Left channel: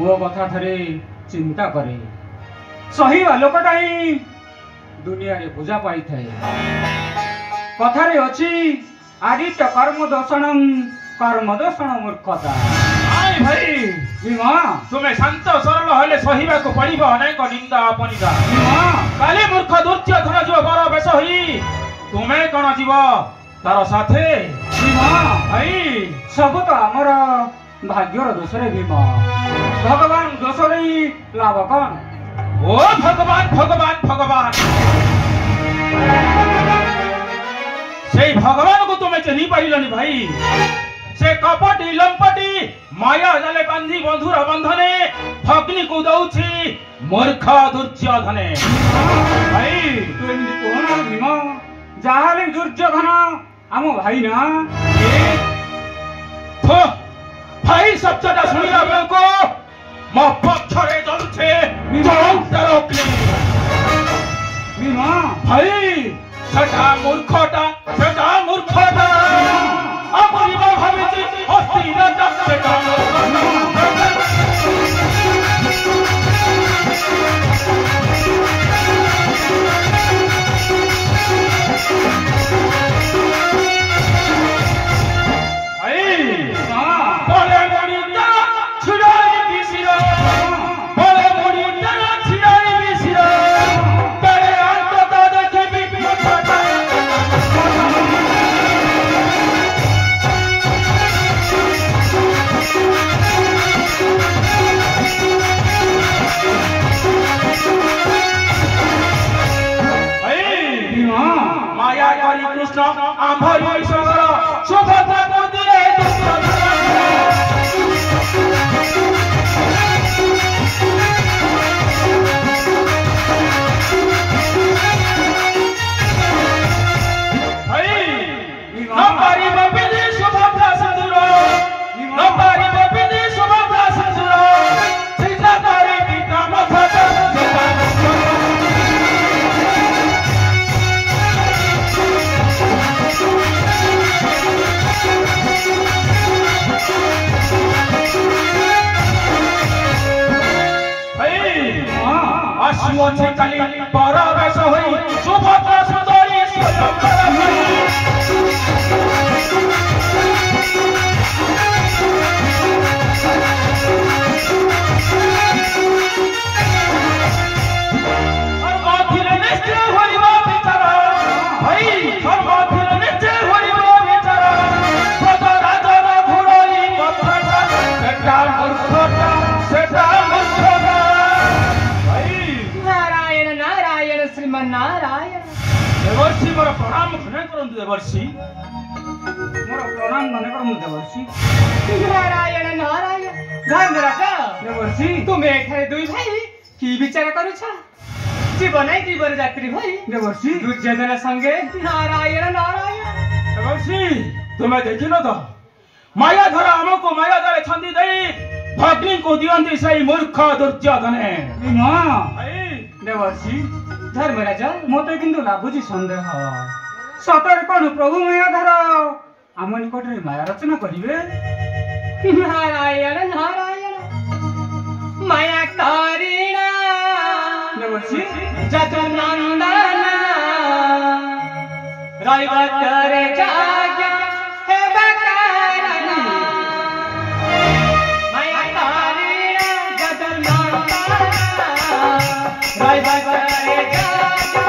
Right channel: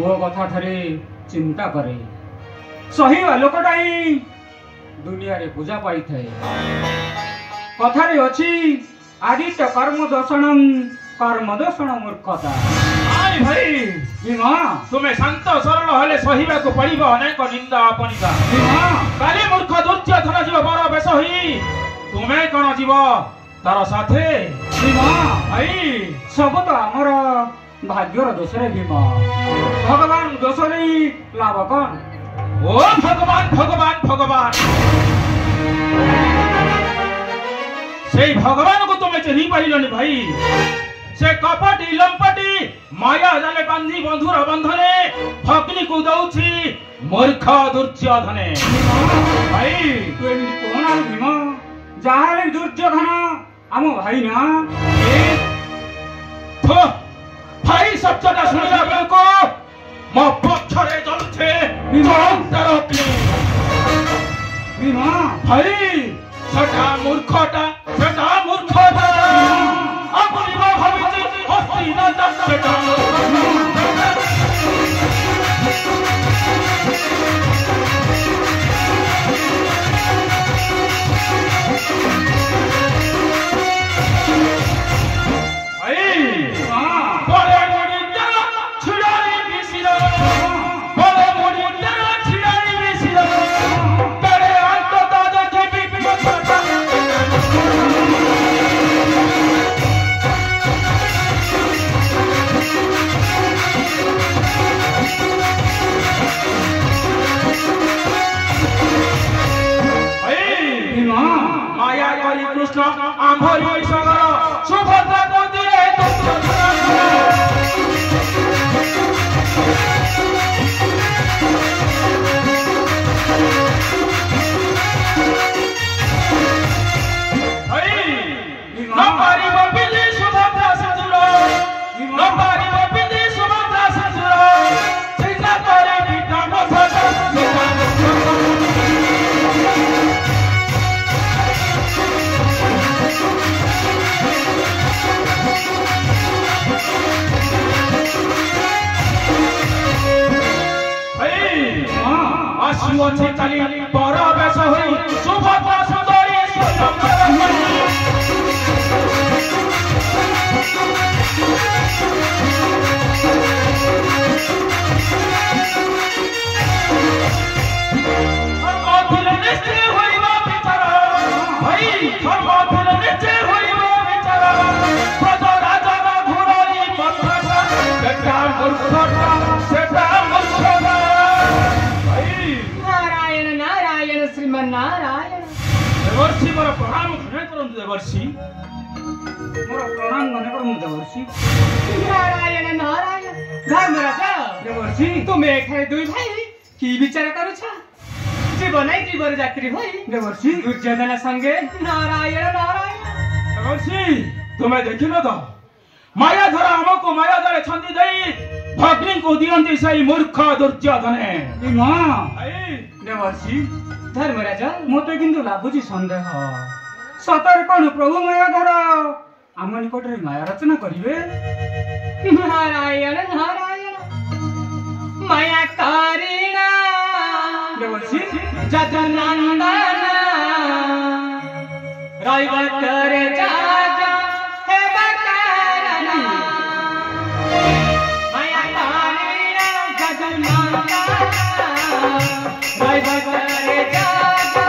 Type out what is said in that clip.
मो कथा थरे चिंता करे सही लोकटा ही दुनिया रे पूजा पाई थे कथारे अछि आदित्य कर्म दोषण मूर्खता आई भाई भीमा तुम्हें शांत सरल हेले सहीबा को पड़िबो अनेक निंदा अपनिदा भीमा काली मूर्ख दुर्योधन जीव बर बेस होई तुम्हें कौन जीव तार साथे भीमा भाई सब तो हमर भाग्यर दोष रे भीमा भगवान दोष रे लाभ कौन ओ भगवान भगवान भगवान से भगवान को तुम्हें चिन्ह पाइलनि भाई से कपटी लंपटी माया जाले बांधी बंधुर बंधने भग्नि को दउछि मूर्ख दुर्योधने भाई तू कोन भीमा जाले दुर्योधन आम भाई ना तो भाई शब्दटा सुनिला बेलको मो पक्षरे जलुछे भीमा भाई सेटा मूर्खटा अपरिमा भाबिछि हस्ती न सेटा कृष्ण आंभरी सगर सुभद्रा मंदिरे नंबरी बबिनी सुभद्रा सिंदूर नंबरी बबिनी सुभद्रा सिंदूर चिंता करे विक्रम अश्वथी काली पर बेस होई सुभद्रा सुंदरी नारायण देवर्षि मोर प्रणाम मने करंतु देवर्षि मोर प्रणाम मने करंतु देवर्षि नारायण नारायण धर्मराज देवर्षि तुम एठारे दुई भाई की विचार करूछ जीवन जीवन यात्री भाई देवर्षि दुर्योधन संगे नारायण नारायण देवर्षि तुम्हें देखिनो तो माया धर हमको माया दरे छंदी देई भग्नि को दियंती सही मूर्ख दुर्योधने भीमा देवर्षि धर्मराज मते किंतु लाभुची संदेह सतर कौन प्रभु मायाधर आम निकट माया रचना करिवे नारायण नारायण माया करीना देवर्षि जगनंदन रविवारे जाग हे बकारण माया करीना जगनंदन रविवारे जाग